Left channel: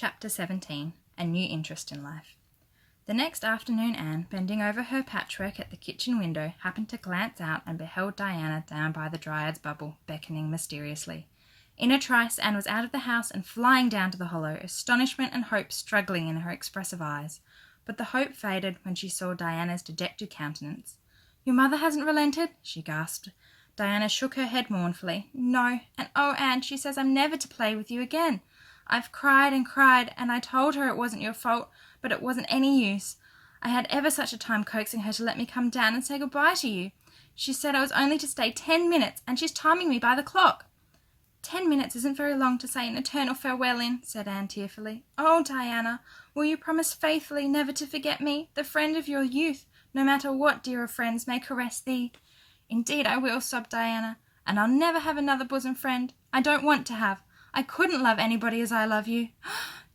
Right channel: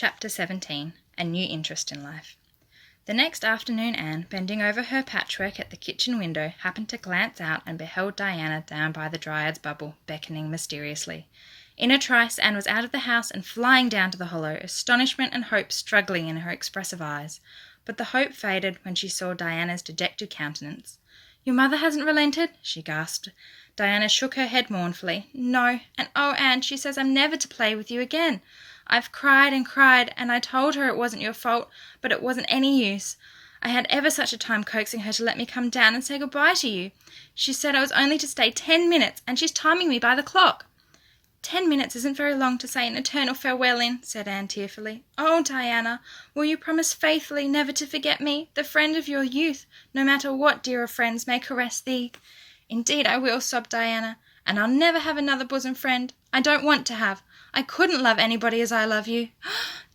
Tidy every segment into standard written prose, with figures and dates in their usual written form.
Chapter 17. A New Interest in Life. The next afternoon Anne, bending over her patchwork at the kitchen window, happened to glance out and beheld Diana down by the Dryad's bubble, beckoning mysteriously. In a trice Anne was out of the house and flying down to the hollow, astonishment and hope struggling in her expressive eyes. But the hope faded when she saw Diana's dejected countenance. "Your mother hasn't relented?" she gasped. Diana shook her head mournfully. "No, and oh, Anne, she says I'm never to play with you again. I've cried, and I told her it wasn't your fault, but it wasn't any use. I had ever such a time coaxing her to let me come down and say goodbye to you. She said I was only to stay 10 minutes, and she's timing me by the clock." "10 minutes isn't very long to say an eternal farewell in," said Anne tearfully. "Oh, Diana, will you promise faithfully never to forget me, the friend of your youth, no matter what dearer friends may caress thee?" "Indeed I will," sobbed Diana, "and I'll never have another bosom friend. I don't want to have. I couldn't love anybody as I love you."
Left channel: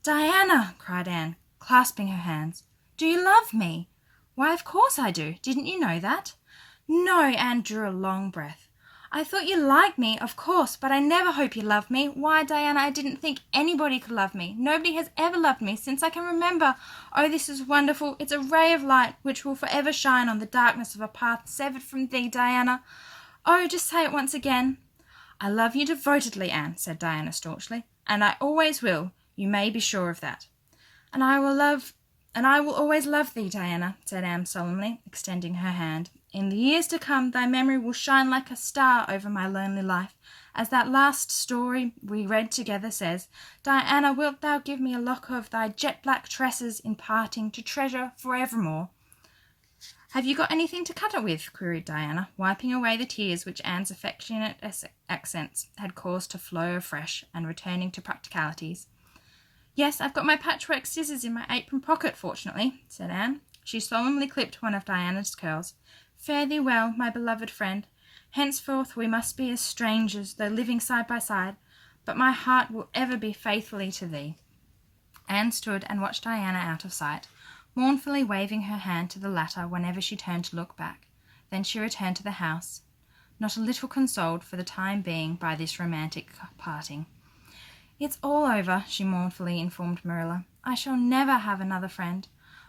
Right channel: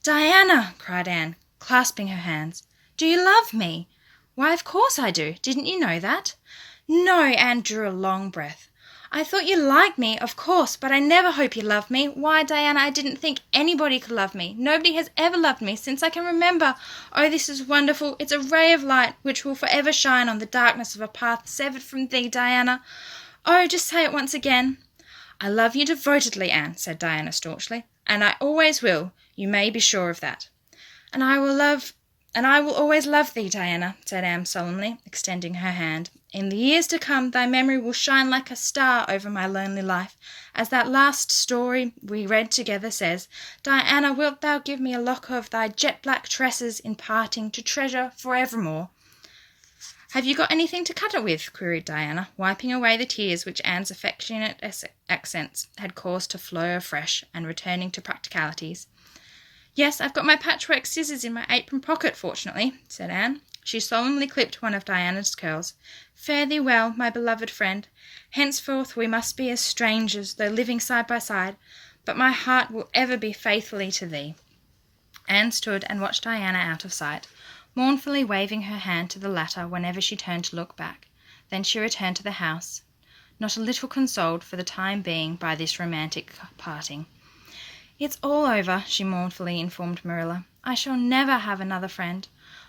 "Diana!" cried Anne, clasping her hands. "Do you love me?" "Why, of course I do. Didn't you know that?" "No," Anne drew a long breath. "I thought you liked me, of course, but I never hope you loved me. Why, Diana, I didn't think anybody could love me. Nobody has ever loved me since I can remember. Oh, this is wonderful. It's a ray of light which will forever shine on the darkness of a path severed from thee, Diana. Oh, just say it once again." "I love you devotedly, Anne," said Diana staunchly, "and I always will. You may be sure of that." And I will always love thee, Diana," said Anne solemnly, extending her hand. "In the years to come thy memory will shine like a star over my lonely life. As that last story we read together says, Diana, wilt thou give me a lock of thy jet-black tresses in parting to treasure for evermore?" "Have you got anything to cut it with?" queried Diana, wiping away the tears which Anne's affectionate accents had caused to flow afresh, and returning to practicalities. "Yes, I've got my patchwork scissors in my apron pocket, fortunately," said Anne. She solemnly clipped one of Diana's curls. "Fare thee well, my beloved friend. Henceforth we must be as strangers, though living side by side, but my heart will ever be faithfully to thee." Anne stood and watched Diana out of sight, mournfully waving her hand to the latter whenever she turned to look back. Then she returned to the house, not a little consoled for the time being by this romantic parting. "It's all over," she mournfully informed Marilla. "I shall never have another friend.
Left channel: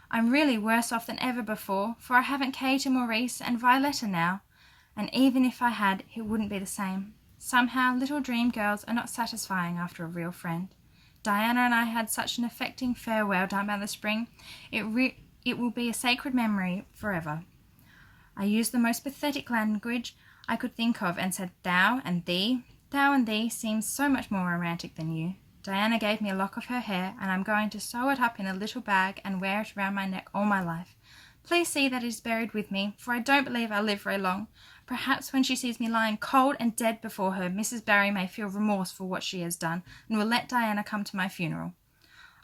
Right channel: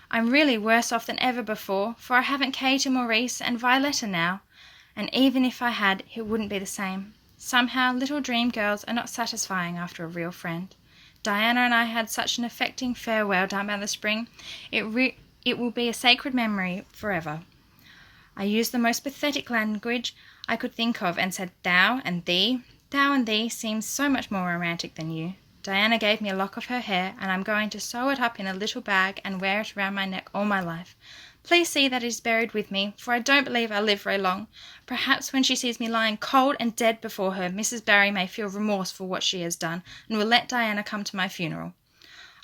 I'm really worse off than ever before, for I haven't Kate and Maurice and Violetta now, and even if I had, it wouldn't be the same. Somehow little dream girls are not satisfying after a real friend. Diana and I had such an affecting farewell down by the spring. It will be a sacred memory forever. I used the most pathetic language I could think of and said thou and thee. Thou and thee seems so much more romantic than you. Diana gave me a lock of her hair, and I'm going to sew it up in a little bag and wear it around my neck all my life. Please see that it is buried with me, for I don't believe I'll live very long. Perhaps when she sees me lying cold and dead before her, Mrs. Barry may feel remorse for what she has done, and will let Diana come to my funeral."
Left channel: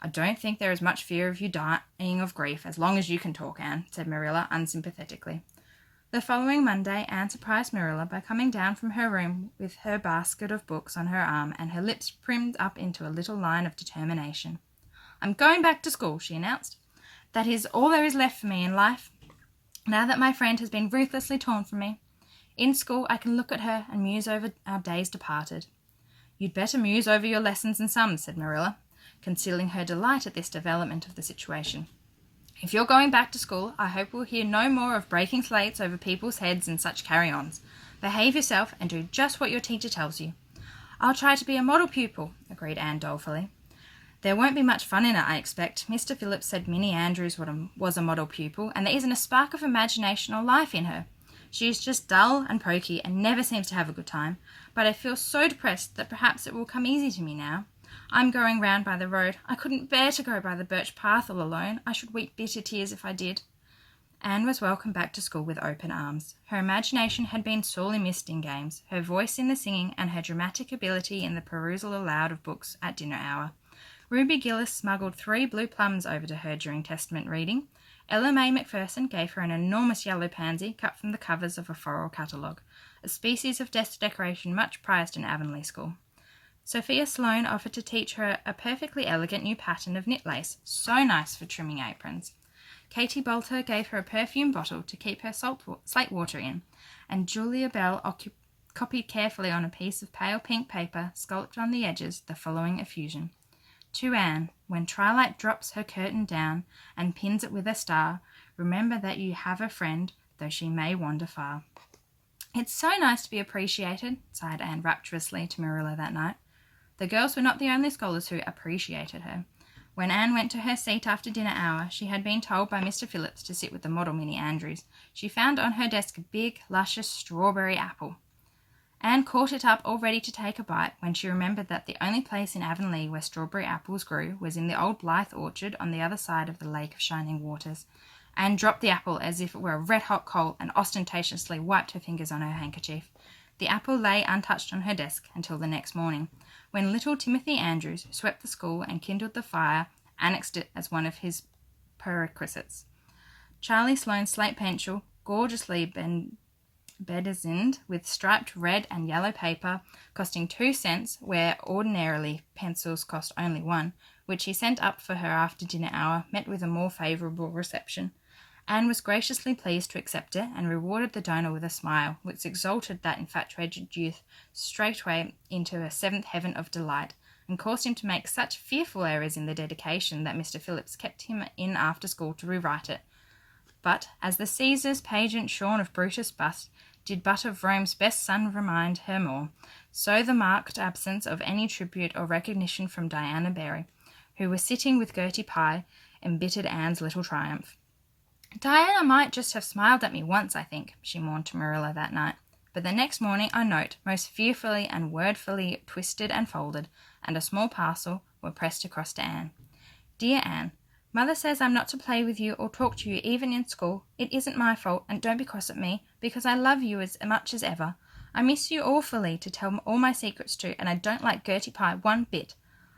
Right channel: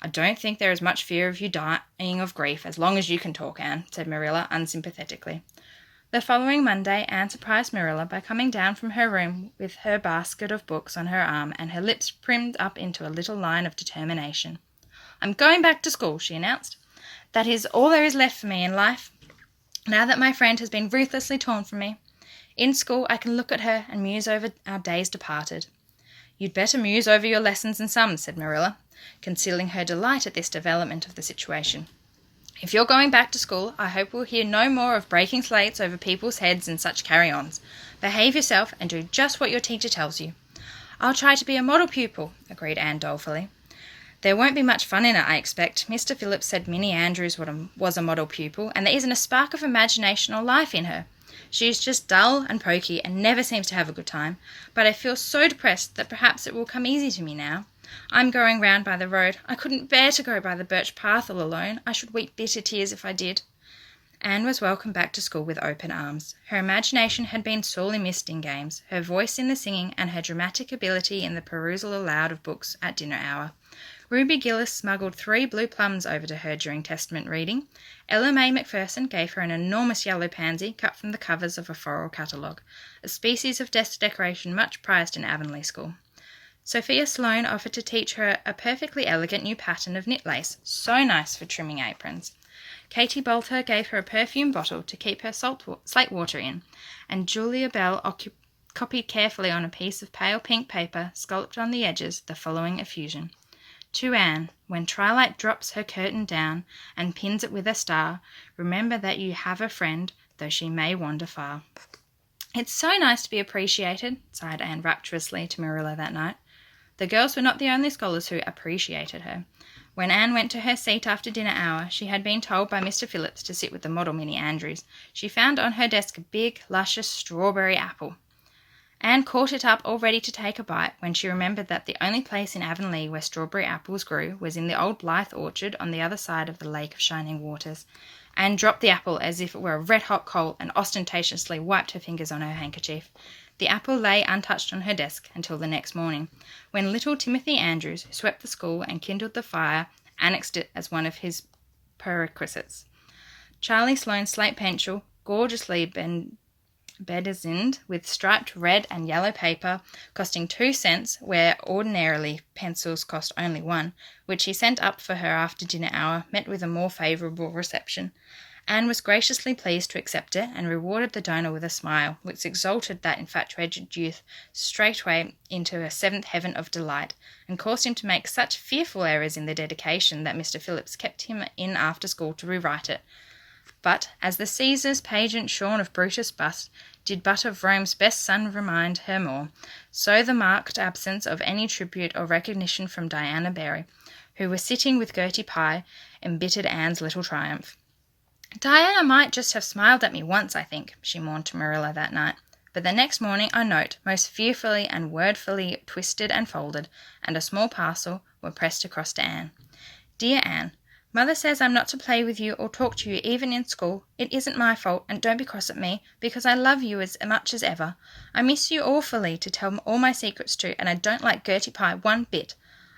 "I don't think there is much fear of you dying of grief as long as you can talk, Anne," said Marilla unsympathetically. The following Monday Anne surprised Marilla by coming down from her room with her basket of books on her arm and her lips primed up into a little line of determination. "I'm going back to school," she announced. "That is all there is left for me in life, now that my friend has been ruthlessly torn from me. In school I can look at her and muse over our days departed." "You'd better muse over your lessons and sums," said Marilla, concealing her delight at this development of the situation. "If you're going back to school, I hope we'll hear no more of breaking slates over people's heads and such carry-ons. Behave yourself and do just what your teacher tells you." "I'll try to be a model pupil," agreed Anne dolefully. "There won't be much fun in it, I expect. Mr. Phillips said Minnie Andrews was a model pupil, and there isn't a spark of imagination or life in her. She is just dull and poky and never seems to have a good time. But I feel so depressed that perhaps it will come easy to me now. I'm going round by the road. I couldn't bear to go by the birch path all alone. I should weep bitter tears if I did." Anne was welcomed back to school with open arms. Her imagination had been sorely missed in games, her voice in the singing, and her dramatic ability in the perusal aloud of books at dinner hour. Ruby Gillis smuggled 3 blue plums over to her during Testament reading. Ella May Macpherson gave her an enormous yellow pansy cut from the covers of a floral catalogue, a species of decoration much prized in Avonlea School. Sophia Sloane offered to teach her a perfectly elegant new pattern of knit lace, so nice for trimming aprons. Katie Bolter gave her a perfume bottle to keep her slate water in, and Julia Bell copied carefully on a piece of pale pink paper, scalloped on the edges, the following effusion. To Anne, when twilight drops her curtain down and pins it with a star, remember that you have a friend, though she may wander far. It's so nice to be appreciated, sighed Anne rapturously to Marilla that night. The girls were not the only scholars who appreciated her. When Anne went to her seat after dinner hour, she had been told by Mr. Phillips to sit with the model Minnie Andrews. She found on her desk a big, luscious strawberry apple. Anne caught it up all ready to take a bite when she remembered that the only place in Avonlea where strawberry apples grew was in the old Blythe orchard on the other side of the Lake of Shining Waters. Anne dropped the apple as if it were a red-hot coal and ostentatiously wiped her fingers on her handkerchief. The apple lay untouched on her desk until the next morning, when little Timothy Andrews, who swept the school and kindled the fire, annexed it as one of his perquisites. Charlie Sloane's slate pencil, gorgeously bedizened with striped red and yellow paper, costing 2 cents where ordinarily pencils cost only 1, which he sent up for her after dinner hour, met with a more favourable reception. Anne was graciously pleased to accept it and rewarded the donor with a smile, which exalted that infatuated youth straightway into a seventh heaven of delight, and caused him to make such fearful errors in the dedication that Mr. Phillips kept him in after school to rewrite it. But, as the Caesar's pageant shorn of Brutus' bust did but of Rome's best son remind her more, so the marked absence of any tribute or recognition from Diana Barry, who was sitting with Gertie Pye, embittered Anne's little triumph. Diana might just have smiled at me once, I think, she mourned to Marilla that night. But the next morning a note, most fearfully and wordfully twisted and folded, and a small parcel were pressed across to Anne. Dear Anne, Mother says I'm not to play with you or talk to you even in school. It isn't my fault, and don't be cross at me, because I love you as much as ever. I miss you awfully to tell all my secrets to, and I don't like Gertie Pye one bit.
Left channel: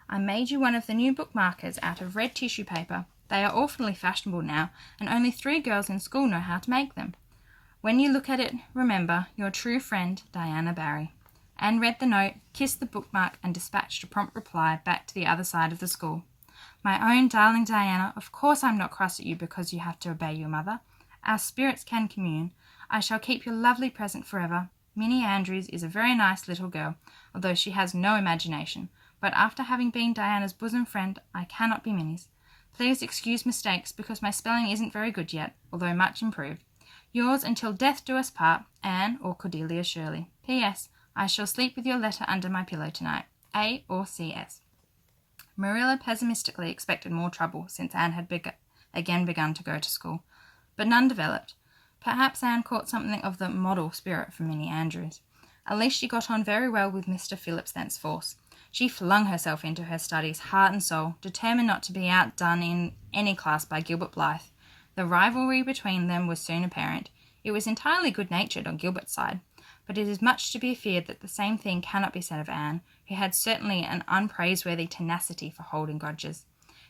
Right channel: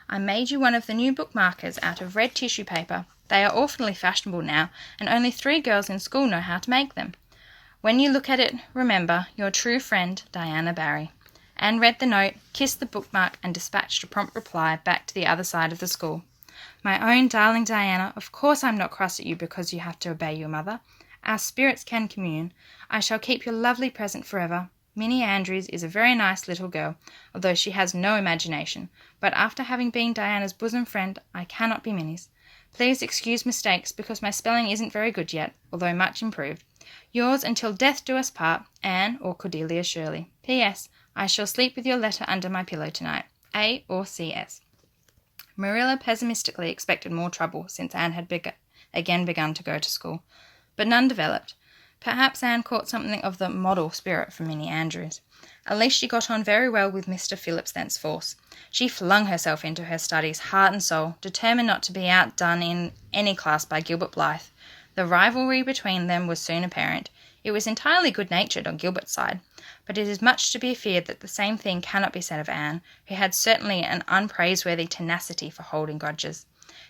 I made you one of the new bookmarkers out of red tissue paper. They are awfully fashionable now, and only 3 girls in school know how to make them. When you look at it, remember your true friend, Diana Barry. Anne read the note, kissed the bookmark, and dispatched a prompt reply back to the other side of the school. My own darling Diana, of course I'm not cross at you because you have to obey your mother. Our spirits can commune. I shall keep your lovely present forever. Minnie Andrews is a very nice little girl, although she has no imagination, but after having been Diana's bosom friend, I cannot be Minnie's. Please excuse mistakes because my spelling isn't very good yet, although much improved. Yours until death do us part, Anne or Cordelia Shirley. P.S. I shall sleep with your letter under my pillow tonight. A or C.S. Marilla pessimistically expected more trouble since Anne had again begun to go to school, but none developed. Perhaps Anne caught something of the model spirit from Minnie Andrews. At least she got on very well with Mr. Phillips thenceforth. She flung herself into her studies, heart and soul, determined not to be outdone in any class by Gilbert Blythe. The rivalry between them was soon apparent. It was entirely good-natured on Gilbert's side, but it is much to be feared that the same thing cannot be said of Anne, who had certainly an unpraiseworthy tenacity for holding grudges.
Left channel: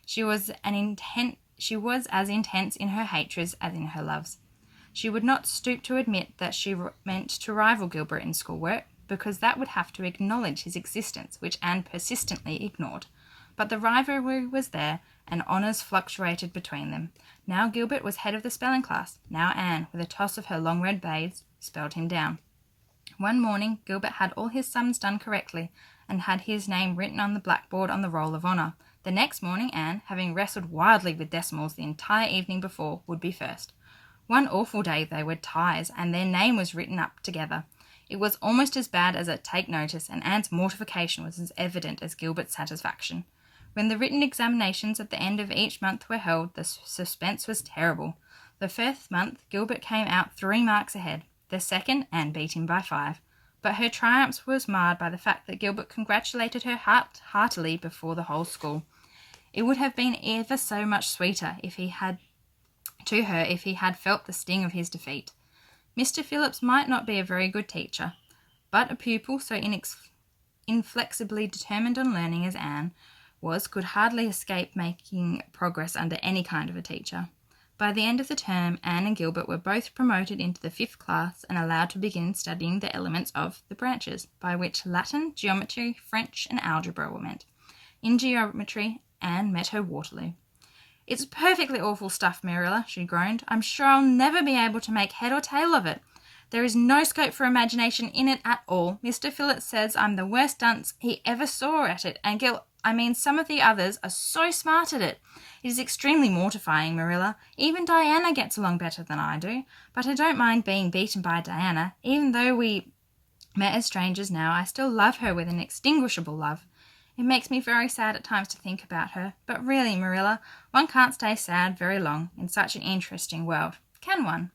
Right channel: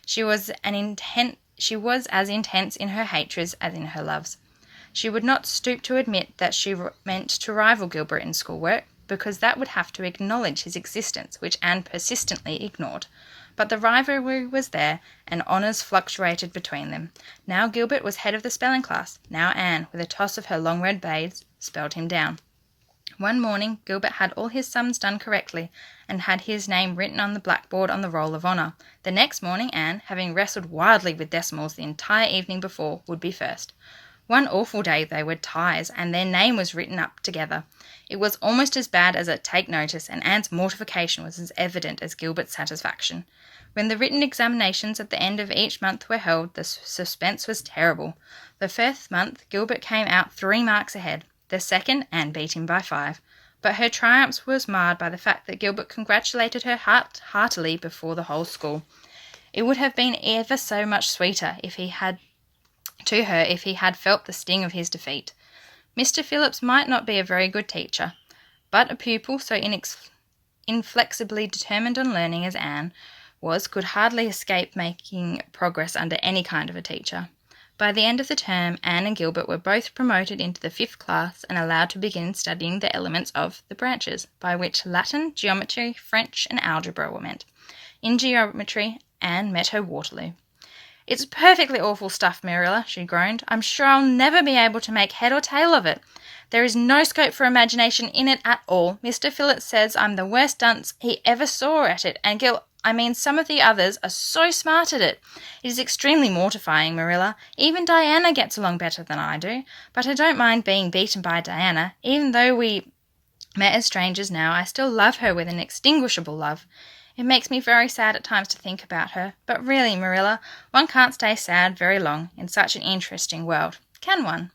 She was as intense in her hatreds as in her loves. She would not stoop to admit that she meant to rival Gilbert in schoolwork, because that would have to acknowledge his existence, which Anne persistently ignored. But the rivalry was there, and honours fluctuated between them. Now Gilbert was head of the spelling class. Now Anne, with a toss of her long red braids, spelled him down. One morning Gilbert had all his sums done correctly, and had his name written on the blackboard on the roll of honour. The next morning Anne, having wrestled wildly with decimals the entire evening before, would be first. One awful day they were ties, and their name was written up together. It was almost as bad as a take notice, and Anne's mortification was as evident as Gilbert's satisfaction. When the written examinations at the end of each month were held, the suspense was terrible. The first month Gilbert came out 3 marks ahead. The second, Anne beat him by 5. But her triumph was marred by the fact that Gilbert congratulated her heartily before the whole school. It would have been ever so much sweeter if he had felt the sting of his defeat. Mr. Phillips might not be a very good teacher, but a pupil so inflexibly determined on learning as Anne was could hardly escape making progress under any kind of a teacher. By the end of the term, Anne and Gilbert were both promoted into the 5th class and allowed to begin studying the elements of the branches, by which Latin, geometry, French, and algebra were meant. In geometry, Anne met her Waterloo. "It's perfectly awful stuff, Marilla," she groaned. "I'm sure I'll never be able to make head or tail of it. There is no scope for imagination in it at all. Mr. Phillips says I'm the worst dunce he ever saw at it, and some of the others are so smart at it. It is extremely mortifying, Marilla. Even Diana gets along better than I do. But I don't mind being beaten by Diana. Even though we met as strangers now, I still love her with an inextinguishable love. It makes me very sad at times to think about her. But really, Marilla, one can't stay sad very long in such an interesting world, can one?"